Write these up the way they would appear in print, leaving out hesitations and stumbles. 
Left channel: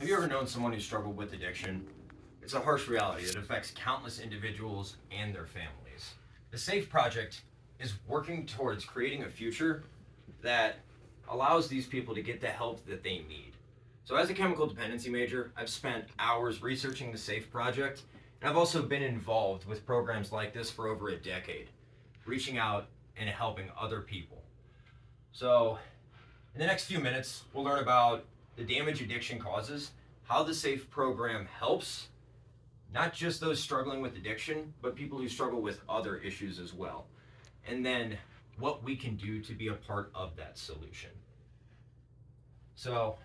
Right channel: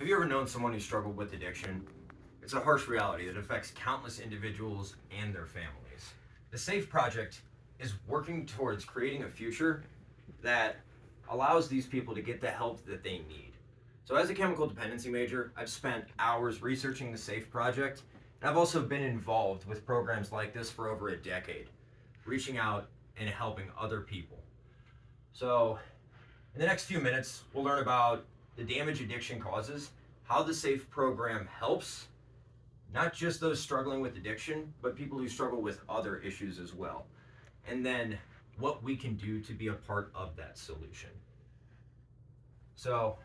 Have you ever known someone who struggled with addiction? It's a harsh reality that affects countless individuals and their families. The SAFE Project is working towards creating a future that allows these people to get the help that they need. So, as a chemical dependency major, I've spent hours researching the SAFE Project, and I've also been involved with programs like this for over a decade, reaching out and helping other people. So, in the next few minutes, we'll learn about the damage addiction causes, how the SAFE program helps, not just those struggling with addiction, but people who struggle with other issues as well. And then what we can do to be a part of that solution. So,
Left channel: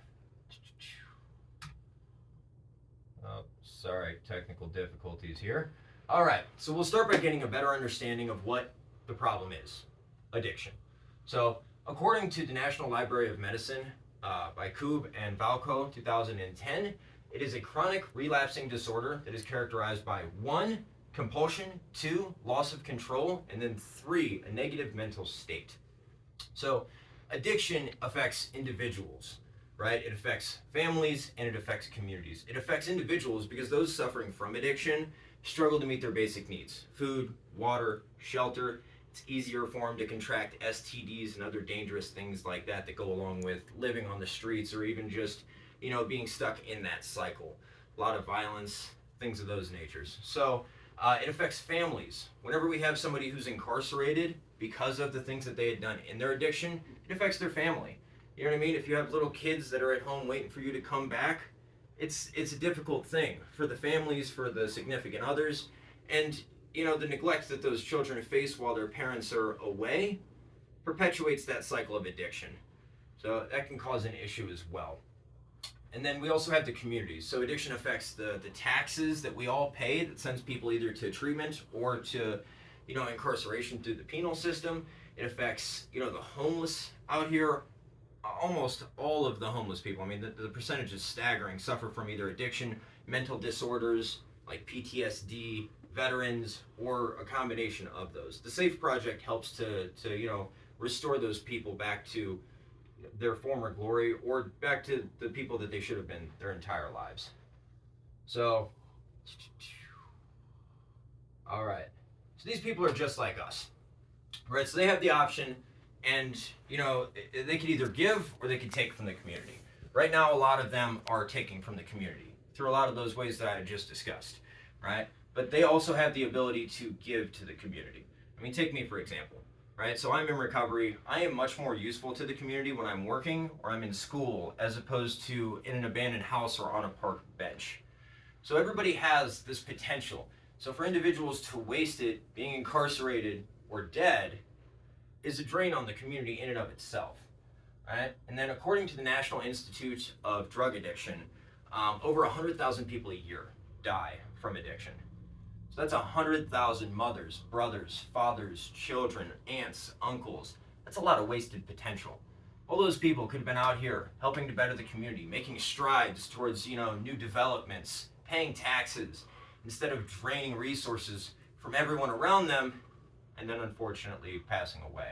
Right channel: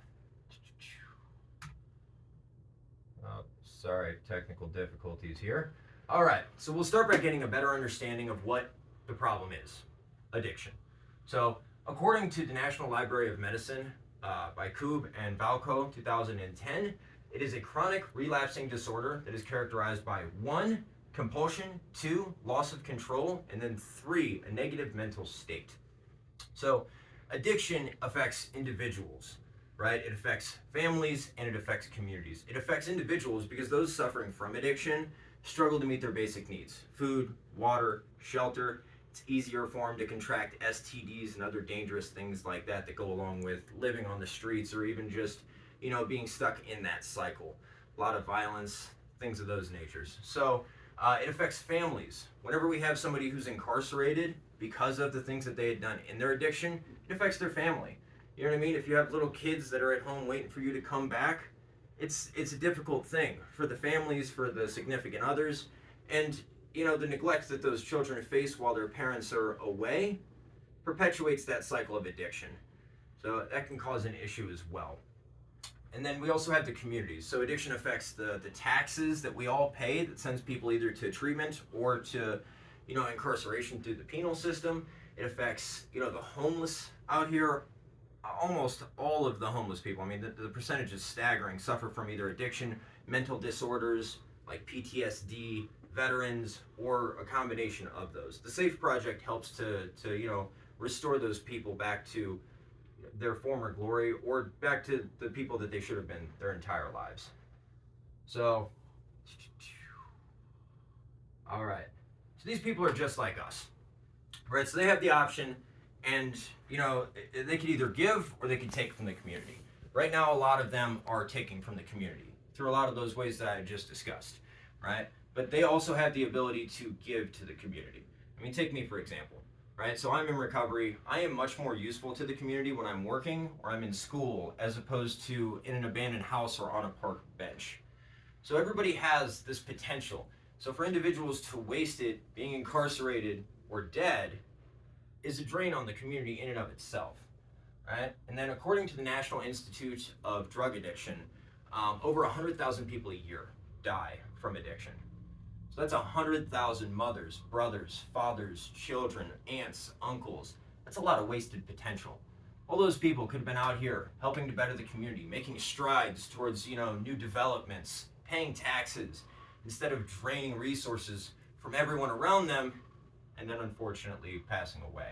sorry, technical difficulties here. All right, so we'll start by getting a better understanding of what the problem is addiction. So, according to the National Library of Medicine by Koob and Valco, 2010, it is a chronic relapsing disorder that is characterized by 1, compulsion, 2, loss of control, and then 3, a negative mental state. So, addiction affects individuals, right? It affects families and it affects communities. It affects individuals because those suffering from addiction struggle to meet their basic needs: food, water, shelter. It's easier for them to contract STDs and other dangerous things like that go along with living on the streets, or even just, being stuck in that cycle. A lot of violence, things of those natures. So it affects families. Whenever we have somebody who's incarcerated because of the things that they had done in their addiction, it affects their family. You know what I mean? If you have little kids that are at home waiting for you to come back, it's a difficult thing for the families, for the significant others, and the neglect that those children face while their parents are away perpetuates that cycle of addiction. So that can cause an issue as well. And then we also have the communities. So addiction affects the taxes that we all pay that sends people either to treatment or to, incarceration through the penal system. It affects, the homeless out here. Almost all of the homeless people, I mean, the percentage is staggering, suffer from either addiction, mental disorders like PTSD, veterans, or a combination of those. The SAFE Project helps to restore those people back to their former glory, or back to the people that they should have been their entire lives. So, all right. So these people are just like us, right? So they have the option, and they could either give or they could take from the community. Right now, a lot of them are taking from the community through a lot of those ways that I just discussed, right? But they also have the ability to give to the community. I mean, take me for example, right? So I'm in recovery. I am much more useful to the community when I'm working or I'm in school, as opposed to in an abandoned house or on a park bench. So everybody has this potential. So for individuals to waste it being incarcerated or dead is a drain on the community in and of itself, right? And then according to the National Institute of Drug Addiction, over 100,000 people a year die from addiction. So that's 100,000 mothers, brothers, fathers, children, aunts, uncles. That's a lot of wasted potential. All those people could have been out here helping to better the community, making strides towards, new developments, paying taxes, instead of draining resources from everyone around them and then unfortunately passing away.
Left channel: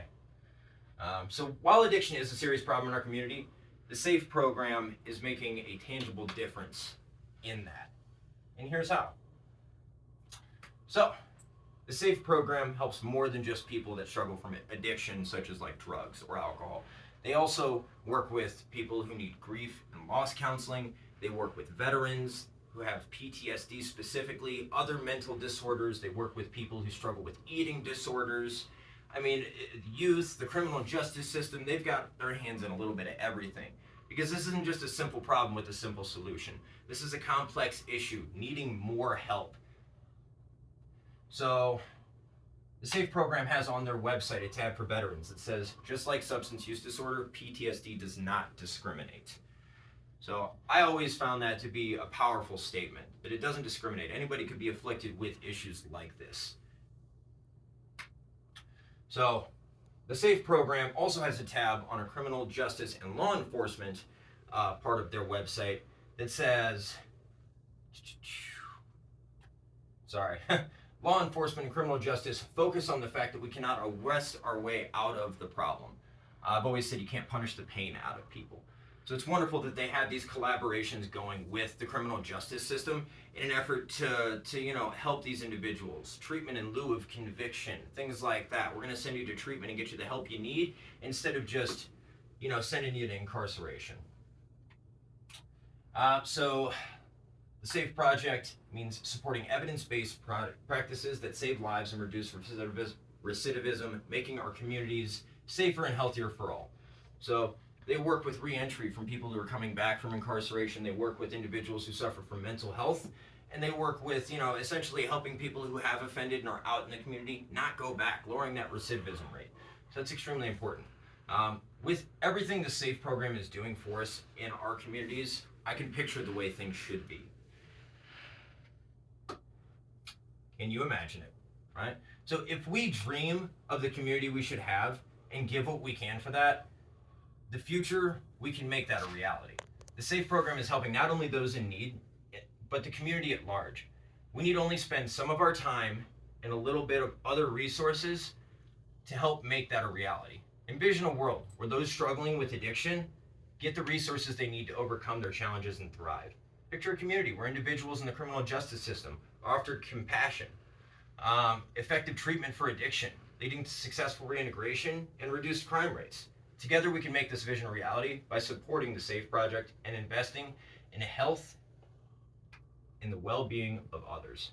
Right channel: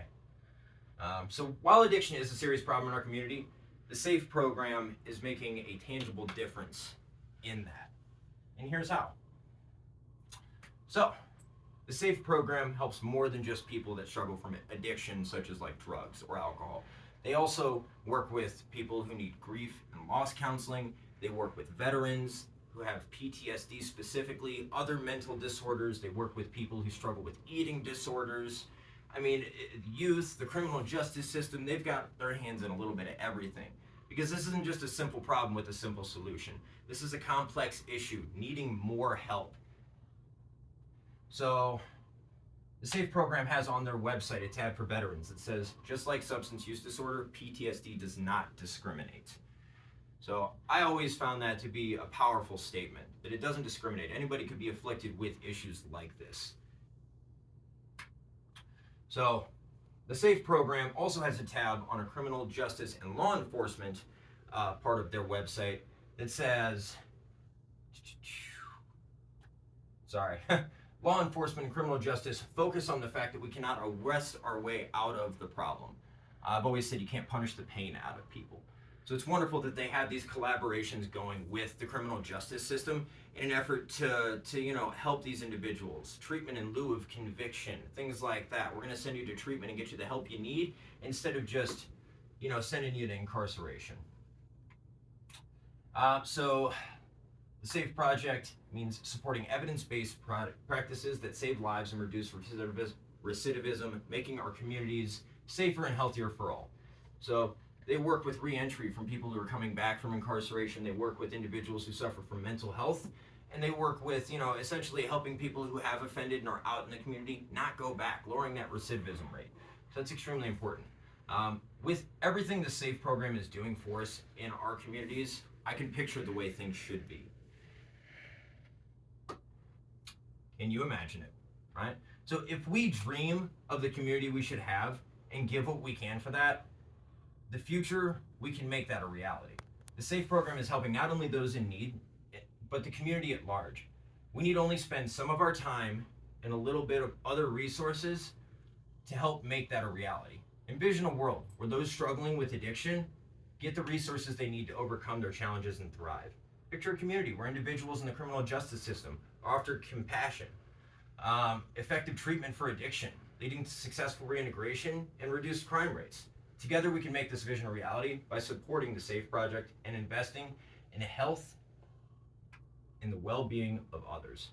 So while addiction is a serious problem in our community, the SAFE program is making a tangible difference in that. And here's how. So, the SAFE program helps more than just people that struggle from addiction, such as like drugs or alcohol. They also work with people who need grief and loss counseling. They work with veterans who have PTSD specifically, other mental disorders. They work with people who struggle with eating disorders. I mean, youth, the criminal justice system, they've got their hands in a little bit of everything. Because this isn't just a simple problem with a simple solution. This is a complex issue needing more help. So, the SAFE program has on their website a tab for veterans that says, just like substance use disorder, PTSD does not discriminate. So, I always found that to be a powerful statement, that it doesn't discriminate. Anybody could be afflicted with issues like this. So, the SAFE program also has a tab on a criminal justice and law enforcement part of their website that says, law enforcement and criminal justice focus on the fact that we cannot arrest our way out of the problem. I've always said you can't punish the pain out of people. So it's wonderful that they have these collaborations going with the criminal justice system in an effort to help these individuals. Treatment in lieu of conviction, things like that. We're going to send you to treatment and get you the help you need instead of just, sending you to incarceration. So the SAFE project means supporting evidence-based practices that save lives and reduce recidivism, making our communities safer and healthier for all. So they work with re-entry from people who are coming back from incarceration. They work with individuals who suffer from mental health, and they work with, essentially helping people who have offended and are out in the community not go back, lowering that recidivism rate. So that's extremely important. With everything the SAFE program is doing for us in our communities, I can picture the way things should be. Can you imagine it, right? So if we dream of the community we should have and give what we can for that, the future, we can make that a reality. The SAFE program is helping not only those in need, but the community at large. We need only spend some of our time and a little bit of other resources to help make that a reality. Envision a world where those struggling with addiction get the resources they need to overcome their challenges and thrive. Picture a community where individuals in the criminal justice system are offered compassion, effective treatment for addiction, leading to successful reintegration and reduced crime rates. Together we can make this vision a reality by supporting the SAFE project and investing in health and the well-being of others.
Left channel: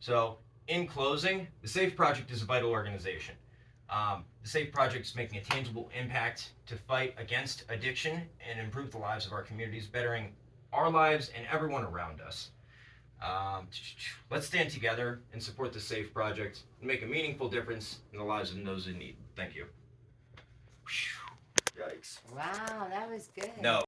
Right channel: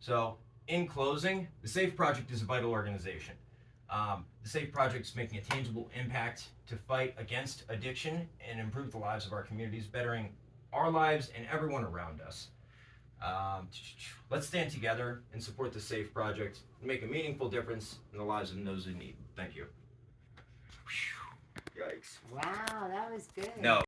So in closing, the SAFE project is a vital organization. The SAFE project is making a tangible impact to fight against addiction and improve the lives of our communities, bettering our lives and everyone around us. Let's stand together and support the SAFE project and make a meaningful difference in the lives of those in need. Thank you. Yikes. Wow, that was good. No.